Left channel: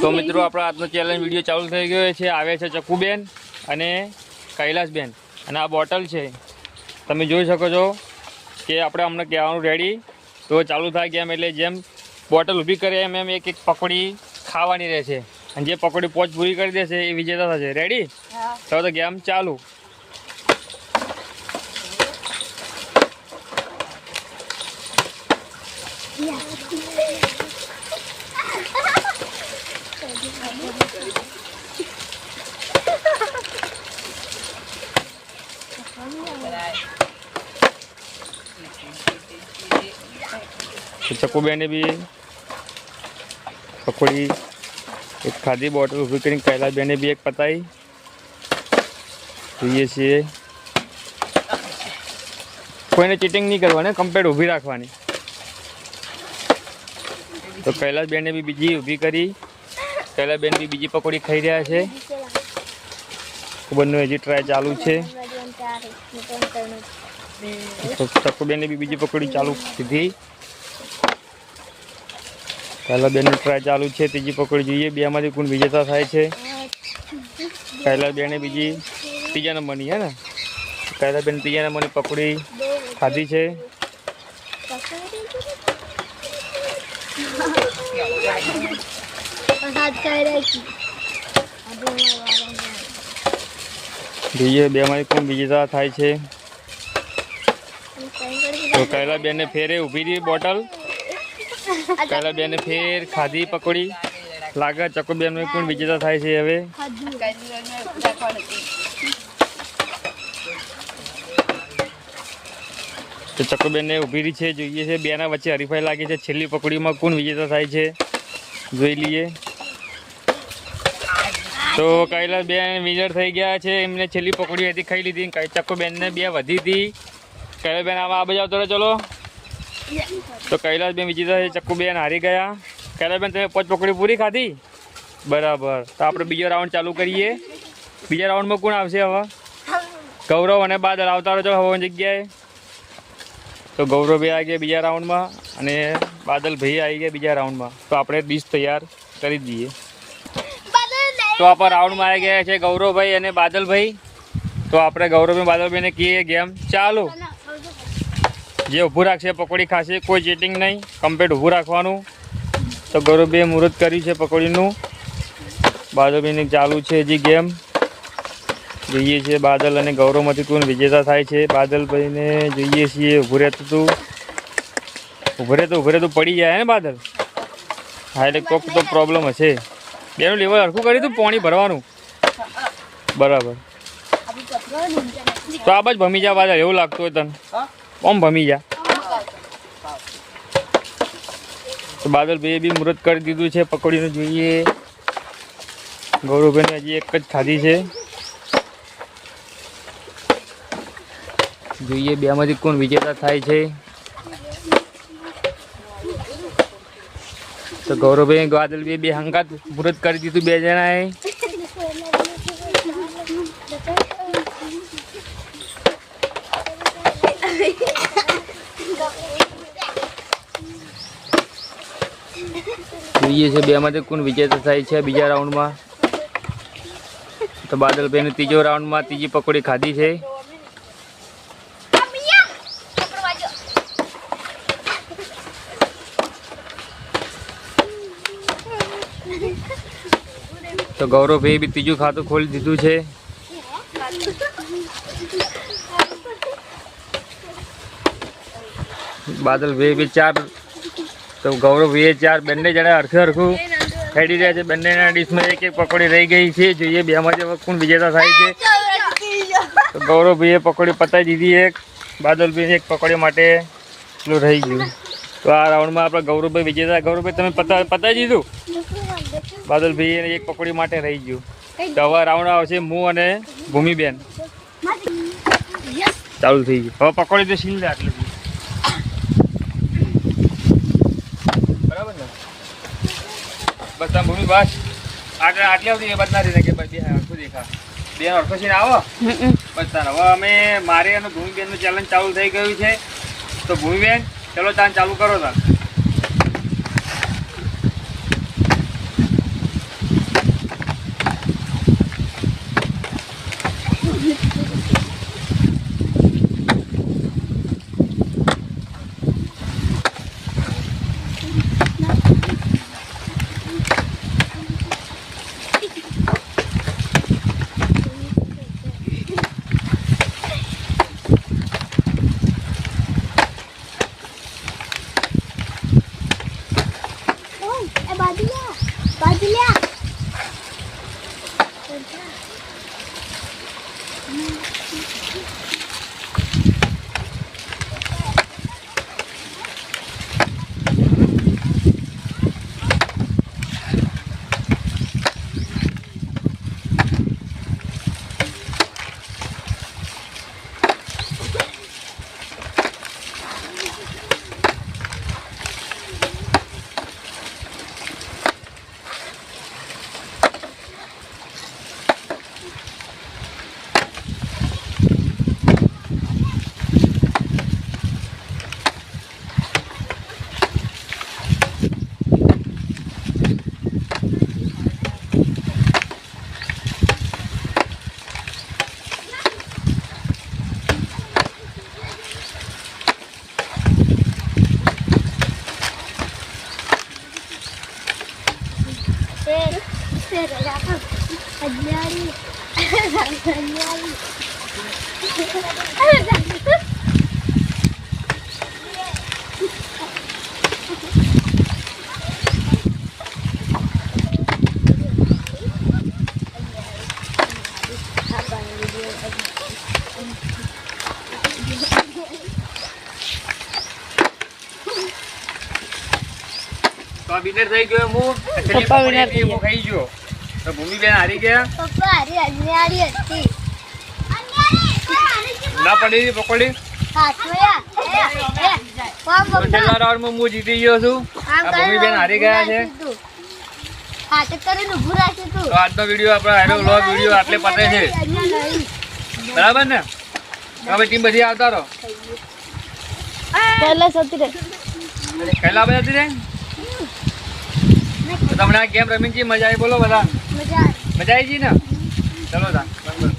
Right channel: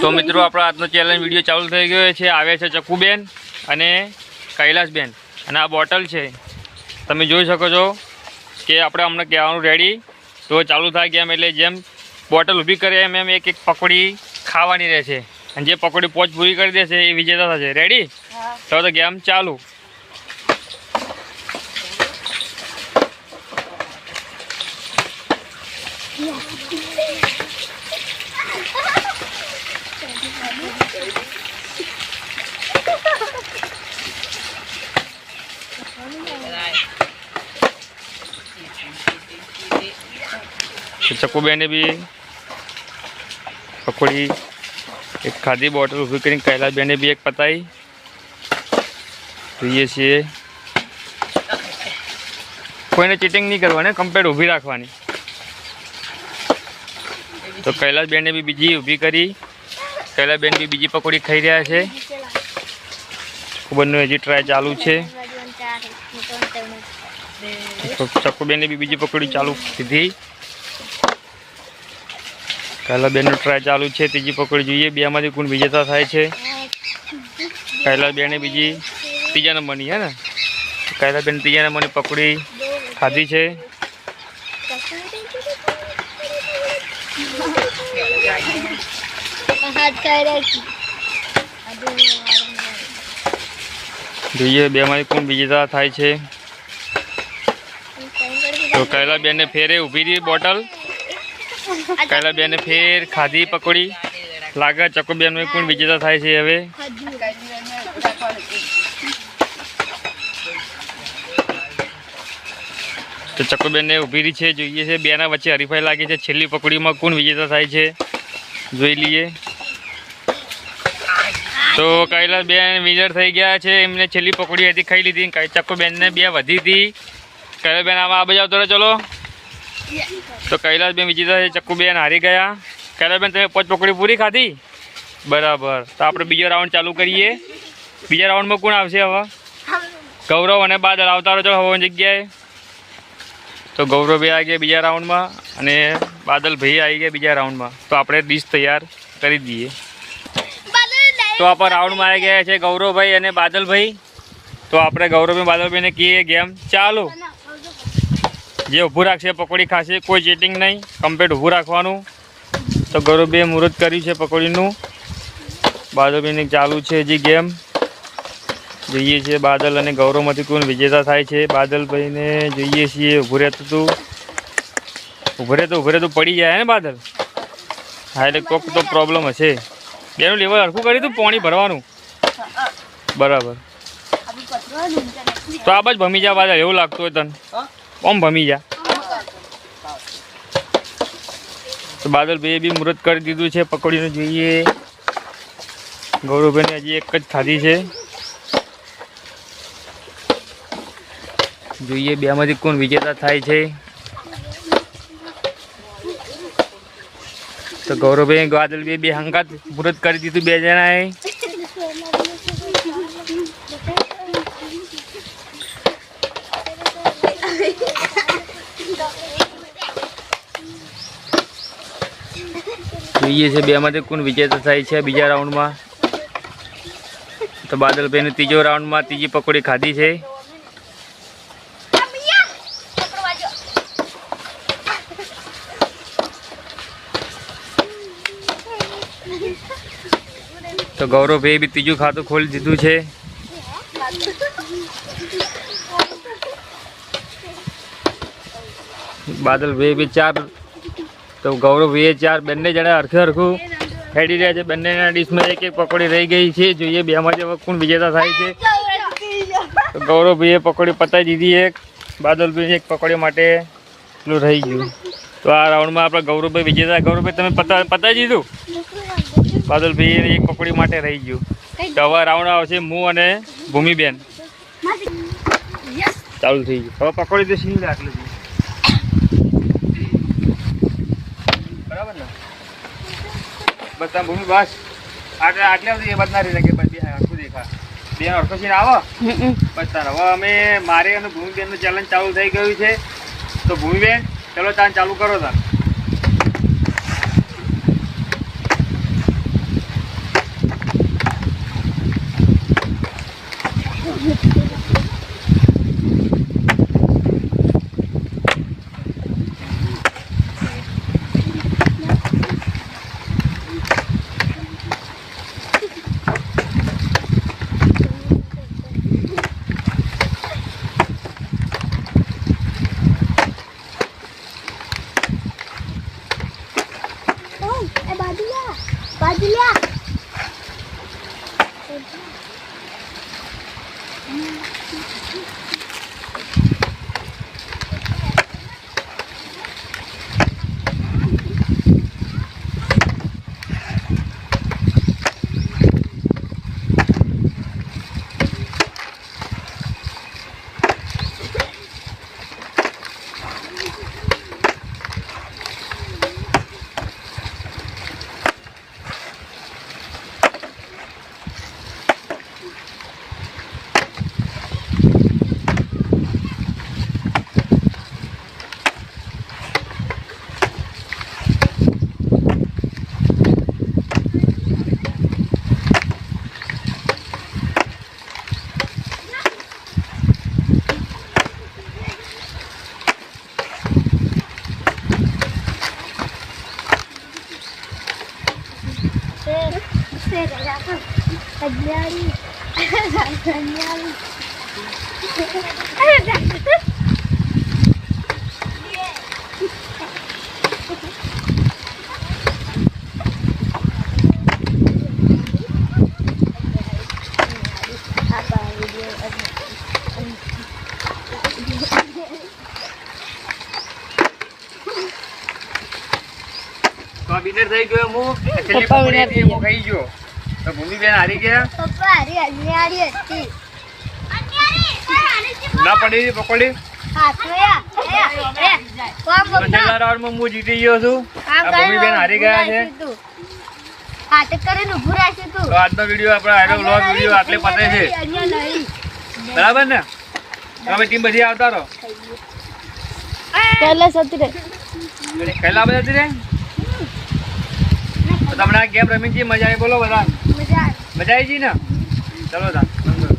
તો મિત્રો આપણો આજનો ચેલેન્જ વિડીયો ચાલુ થઈ ગયો છે. આવે છે ચક્કુબેન અને કૈલાસબેન અને આ બોટલ છે. તમે જોઈ શકો છો કે આપણે અમને કહેવાનું રેડી. તો ચાલુ થાય ગેમ એટલે જેમ બોટલ ઊભી કરે એમ એમ એક એક પકોડી ખાવાની રહેશે અને જે પકોડી પોચ પૂરી કરી દેશે એ વિજેતા થશે. રેડી? તો ગેમ ચાલુ. ચક્કુબેને બી પકોડી એક ખાધી, બોટલ ઊભી કરીને કૈલાસબેને બી એક પતાવી. જોઈએ છીએ કોઈને ચીટિંગ નહીં કરવાની, કમ્પ્લેટ ઊભી રાખવાની. તો કૈલાસબેને બી બીજી ઊભી કરી. કૈલાસબેન બી બીજી પકોડી ખાઈ રહ્યા છે. ચક્કુબેનનો હજી ટ્રાય ચાલુ છે. ચક્કુબેને બી બીજી પકોડી ચાલુ કીધી. કૈલાસબેનનો ટ્રાય ચાલુ છે. ત્રીજી પકોડી જોઈએ બેમાંથી કોણ વિજેતા થાય છે. કૈલાસબેને બીજી ત્રીજા નંબરની હે ને કૈલાસબેન ત્રીજા નંબરની પકોડી ખાધી છે. જોઈએ બેમાંથી કોણ વિજેતા થાય છે. તો કૈલાસબેનને ફેરે ઊભી રહી બોટલ. કૈલાસબેને ફેર ખાધી પકોડી. લાગે ચક્કુબેન કોણ વિજેતા થાય છે હવે. તો ચક્કુબેનને ઊભી રહી છે. જોઈએ છે બેના વચ્ચે હરીફાઈ લાગી છે. છેલ્લી પકોડીમાં કોણ વિજેતા થાય છે જોઈ લઈએ. તો કૈલાસબેન વિનર થઈ ગયા છે. એમને છેલ્લી પકોડી હતી ખાઈ લીધી. ચક્કુબેનને બે વધી હતી. કૈલાસબેન આમાં આ બાજુ આવતો રહો ચલો. તો કૈલાસબેન વિજેતા છે. ચક્કુબેન હારી ગયા. કૈલાસબેન તમે 5 પકોડી પૂરી ખાધી બરાબર. તો આપણે બીજો રાઉન્ડ ચાલુ કરીએ. બીજા રાઉન્ડમાં કોણ આવશે હવે? ગૌરવ અને બાદલ આવતા રહો ચલો હવાની જગ્યાએ. તો ગૌરવભાઈ આવી ગયા બીજા રાઉન્ડમાં અને બાદલભાઈ આવી ગયા બીજા રાઉન્ડમાં. તો આપણે ડીશ તૈયાર કરી દઈએ. તો આપણે રાઉન્ડમાં આવી ગયા છે ગૌરવભાઈ અને બાદલભાઈ. તો આપણે ગૌરવભાઈ બાદલભાઈને કહીએ ગેમ ચાલુ. જે ઊભું રાખશે પકોડી ખાશે. કોઈ ચીટિંગ નહીં, કમ્પ્લીટ ઊભું રાખવાનું. તો ગૌરવભાઈએ મુહૂર્ત કર્યું છે પકોડીનું. બાદલભાઈને ચાલુ છે હજી ગેમ. જોઈએ છીએ બાદલ અને ગૌરવમાંથી કોણ વિજેતા થાય છે. બાદલભાઈને જોઈએ છીએ. ઊભું રહેતું તું પડી જાય ને બાદલ. હા એટલે કોક તો પ્રોબ્લેમ હશે. બેનું લેવલ હરખું કર્યું હતું પાણી ભરવાનું બરાબર. તો આ બાજ ભમી જા બાદલ એવું લાગતું હોય તને. ઓમ ભમી જા. તો બાદલભાઈએ બી મુહૂર્ત કરી દીધું છે પકોડીનું. જોઈએ ગૌરવભાઈને હજી એક જ ખાધી છે. જોઈએ બેમાંથી કોણ વિજેતા થાય છે. તો ગૌરવભાઈ બાદલભાઈ બે હંગાત મુહૂર્ત કરી દીધું બે જણાએ. જોઈએ છે બેમાંથી કોણ વિજેતા થાય છે બીજા રાઉન્ડમાં. તો બાદલભાઈને ત્રીજો રાઉન્ડમાં ત્રીજી પકોડી ખાધી છે. તો ગૌરવભાઈ બી ત્રીજું ખાતું ખોલી દીધું છે. બાદલભાઈ બી 4. તો ગૌરવભાઈએ 4. બંને જણા હરખું ખેડી રહ્યા છે. બંનેના ડીશમાં એક એક પકોડી રહી ગઈ છે. જોઈએ બેમાંથી કોણ વિજેતા થાય છે. તો ગૌરવભાઈએ પકોડી પતાવી દીધી એક. બાદલભાઈ એક પકોડી માટે એટલું રહી ગયું. તો આ રાઉન્ડમાં આપણે ગૌરવભાઈ વિજેતા. ગૌરવભાઈ તમે પતાવી દીધું. બાદલભાઈ એક પકોડી માટે રહી ગયું. તો હવે રાઉન્ડ આવશે હું અને ભૂમિબેન. ચાલુ થઈ ગયું. હવે પકોડી તો સીલ લે આટલે બરાબર ને. બસ તમે ભૂમિ બસ આટલે એ બધા રહી શકે. બસ બે હરખું દેખા બે હરખો સીન આવો બસ તાર. હવે અમે મારે અને ભૂમિબેનનું ચેલેન્જ ચાલુ થઈ ગયું છે. તો ભૂમિબેન ચલો ચાલ ચાલુ કરો તાર. તો વિનર થઈ ગયો હું છેલ્લી પપ્પા winner પકોડી થઈ હું ખાઈ ગયો તો ભૂમિબેન હારી ગયા ના પડી પકોડી તો છેલ્લા રાઉન્ડમાં હું જીતી ગયો છું આ ભૂમિબેન હારી ગયા છે તો આજનો વિડીયો આપણો હેલો વ્લોગ વિડીયો આટલે પતે છે બરાબર ને તમે ટીમ બધી આવતા રહો પહેલા સતી રે પહેલા બધા હતી તો તમને આ ગેમ રમી છે મજા આવી બોલો બધા મજા આવી છે ને ચલો તા